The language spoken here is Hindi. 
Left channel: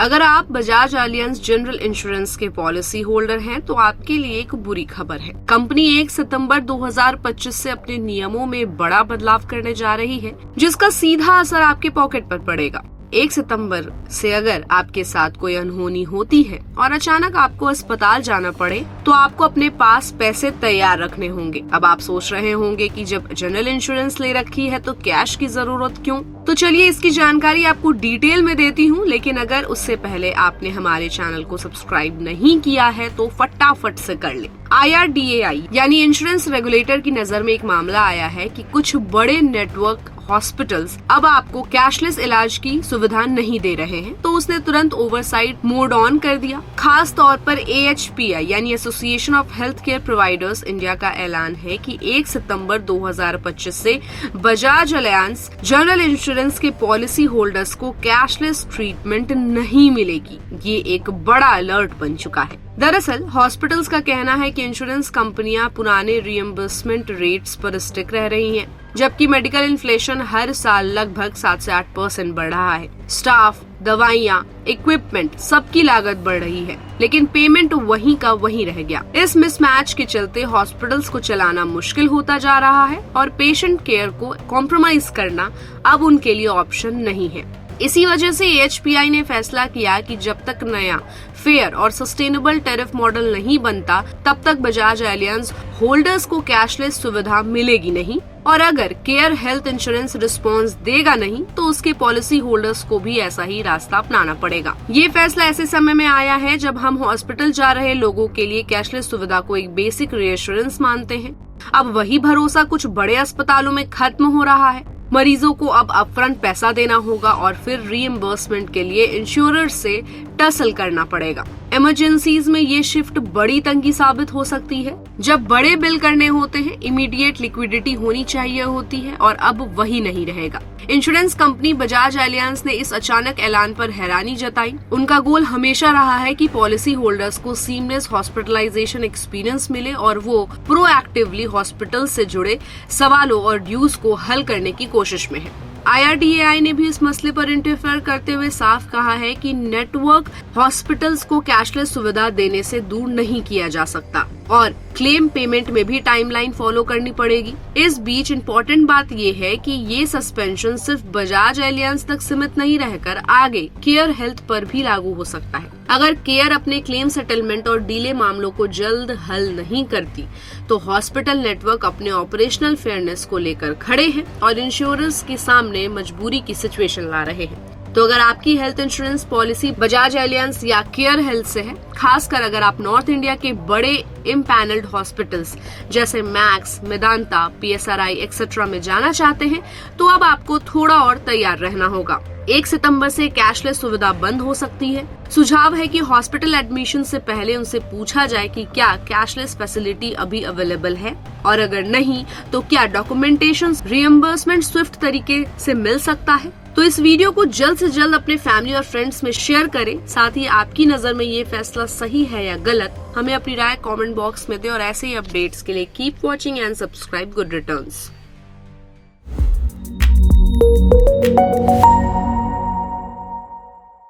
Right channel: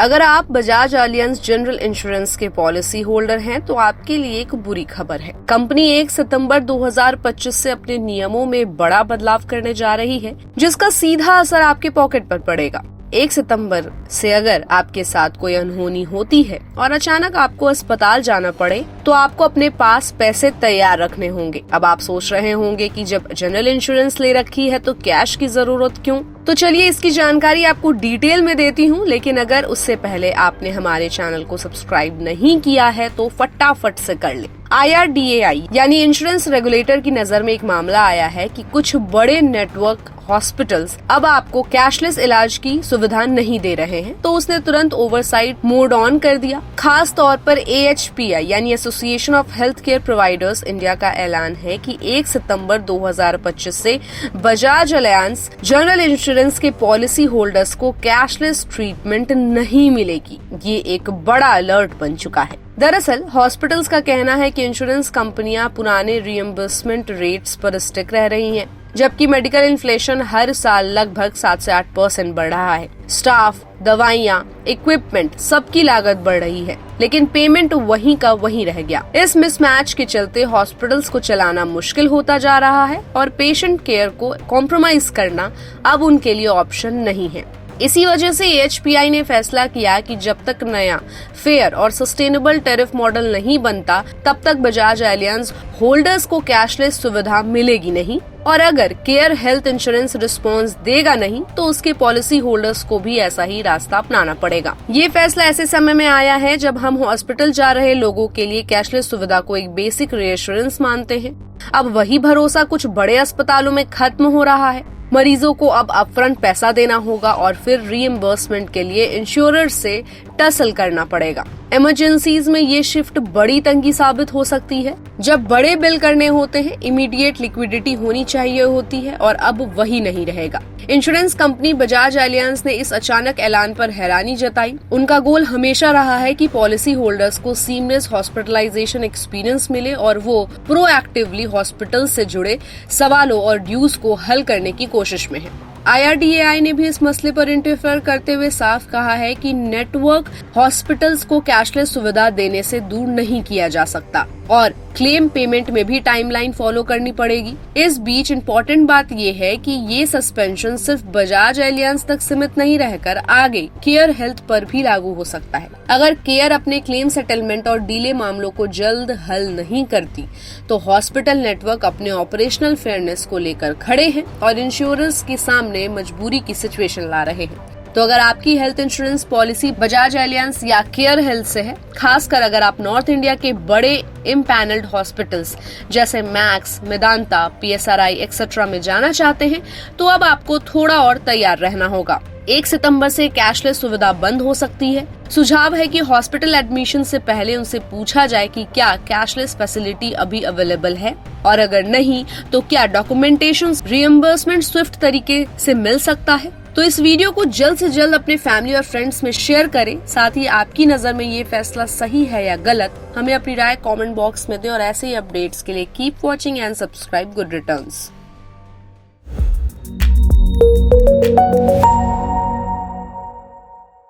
अगर आप बजाज एलियांज जनरल इंश्योरेंस के पॉलिसी होल्डर हैं तो आपके लिए एक बुरी खबर है। कंपनी 1 सितंबर 2025 से अपने नियमों में बड़ा बदलाव करने जा रही है, जिसका सीधा असर आपके पॉकेट पर पड़ेगा। 1 सितंबर से अगर आपके साथ कोई अनहोनी होती है और अचानक आपको अस्पताल जाना पड़े तो आपको अपने पास पैसे तैयार रखने होंगे। अब आप सोच रहे होंगे कि जब जनरल इंश्योरेंस ले रखी है तो कैश की जरूरत क्यों? तो चलिए इसकी जानकारी आपको डिटेल में देती हूँ, लेकिन अगर उससे पहले आपने हमारे चैनल को सब्सक्राइब नहीं किया है तो फटाफट से कर ले। IRDAI यानी इंश्योरेंस रेगुलेटर की नजर में एक मामला आया है कि कुछ बड़े नेटवर्क हॉस्पिटल्स अब आपको कैशलेस इलाज की सुविधा नहीं दे रहे हैं, तो उसने तुरंत ओवरसाइट मोड ऑन कर दिया। खास तौर पर AHPI यानी association of health care providers India का ऐलान है कि 1 सितंबर 2025 से बजाज एलियांज जनरल इंश्योरेंस के पॉलिसी होल्डर्स को कैशलेस ट्रीटमेंट नहीं मिलेगी। ये एक बड़ा अलर्ट बन चुका है। दरअसल हॉस्पिटल्स का कहना है कि इंश्योरेंस कंपनियां पुराने रिएम्बर्समेंट रेट्स पर स्टिक रह रही हैं, जबकि मेडिकल इन्फ्लेशन हर साल लगभग 7 से 8% बढ़ रहा है। स्टाफ, दवाइयाँ, इक्विपमेंट, सबकी लागत बढ़ रही है, लेकिन पेमेंट वहीं का वहीं रह गया। इस मिसमैच के चलते हॉस्पिटल्स को चलाना मुश्किल होता जा रहा है और पेशेंट केयर को कॉम्प्रोमाइज करना अब उनके लिए ऑप्शन नहीं है। इसी वजह से AHPI ने फैसला किया कि जब तक नया फेयर और सस्टेनेबल टैरिफ मॉडल नहीं बनता तब तक बजाज एलियांज होल्डर्स को कैशलेस सुविधा मिलेगी नहीं, और अगर केयर हेल्थ इंश्योरेंस रिस्पॉन्स देगा नहीं तो उसके पॉलिसी होल्डर्स को भी ऐसा ही रास्ता अपनाना पड़ेगा। ये फैसला ऐसे समय में आया है जब हम हॉस्पिटल जा रहे लोगों के लिए कैशलेस सुविधा को एक बेसिक रीएश्योरेंस मानते हैं। अब वही भरोसा कुछ बड़े अस्पतालों में खत्म हो रहा है। मरीजों को अब अपफ्रंट पैसा देना होगा और फिर रीइंबर्समेंट के लिए इंश्योरर से टसल करना पड़ेगा। इमरजेंसीज में ये शिफ्ट बड़ी तंगी साबित हो सकती है। जब बड़े बिल करने होते हैं इमीडिएट लिक्विडिटी होनी चाहिए होती है, और अब वही नहीं रहेगा। इंश्योरेंस कंपनी बजाज एलियांज ने इस अचानक ऐलान पर हैरानी जताई। उनका गोल हमेशा रहा है कि पॉलिसी होल्डर्स को सीमलेस हॉस्पिटलाइजेशन एक्सपीरियंस मिले और वो प्रोएक्टिवली हॉस्पिटल से जुड़े सवालों और ड्यूज को हल करने की कोशिश में है। IRDAI ने भी इस मसले पर इंटरफेयर करते हुए साफ कहा है कि नेटवर्क हॉस्पिटल्स को कैशलेस सुविधा देने से दूर नहीं किया जा सकता और क्लेम पेमेंट में भी टाइमलाइन फॉलो करनी पड़ेगी। इस बीच इम्पोर्टेंट बात ये है कि ये सस्पेंशन सिर्फ बजाज एलियांज तक सीमित नहीं रहकर आगे केयर हेल्थ पर भी लागू हो सकता है। अगर केयर अपने क्लेम सेटलमेंट और डीले मामलों को जल्द हल नहीं करती तो हॉस्पिटल नेटवर्क अपने ऑपरेशनल फेयरनेस को लेकर खड़े हैं और इंश्योरेंस के सामने मजबूरी की सिचुएशन ला रहे हैं। तो अगर आपकी health insurance policy Bajaj Allianz या केयर हेल्थ से है, खासकर अगर आप नॉर्थ इंडिया के बड़े इम्पैनल्ड हॉस्पिटल्स जैसे मैक्स, मेदांता, PSRI एक्सेट्रा में जाना चाहते हैं, तो अब आपको थोड़ा और तैयार रहना होगा। 1 सितंबर से कैशलेस सुविधा बंद हो सकती है। सुझाव है कि हॉस्पिटल एडमिशन से पहले उनसे पूछा जाए कि क्या कैशलेस फैसिलिटी अभी अवेलेबल है, और अगर नहीं तो क्या डॉक्यूमेंटेशन रिएम्बर्समेंट स्विफ्ट तरीके से मिल सकता है। तो इस वीडियो को जल्द से जल्द अपने फैमिली और फ्रेंड्स में शेयर करें। साथ ही आपकी नजर में ये फैसला सही है या गलत, हमें अपनी राय कमेंट बॉक्स में दें, और ऐसे ही अपडेट्स के लिए keep watching and subscribe good returns.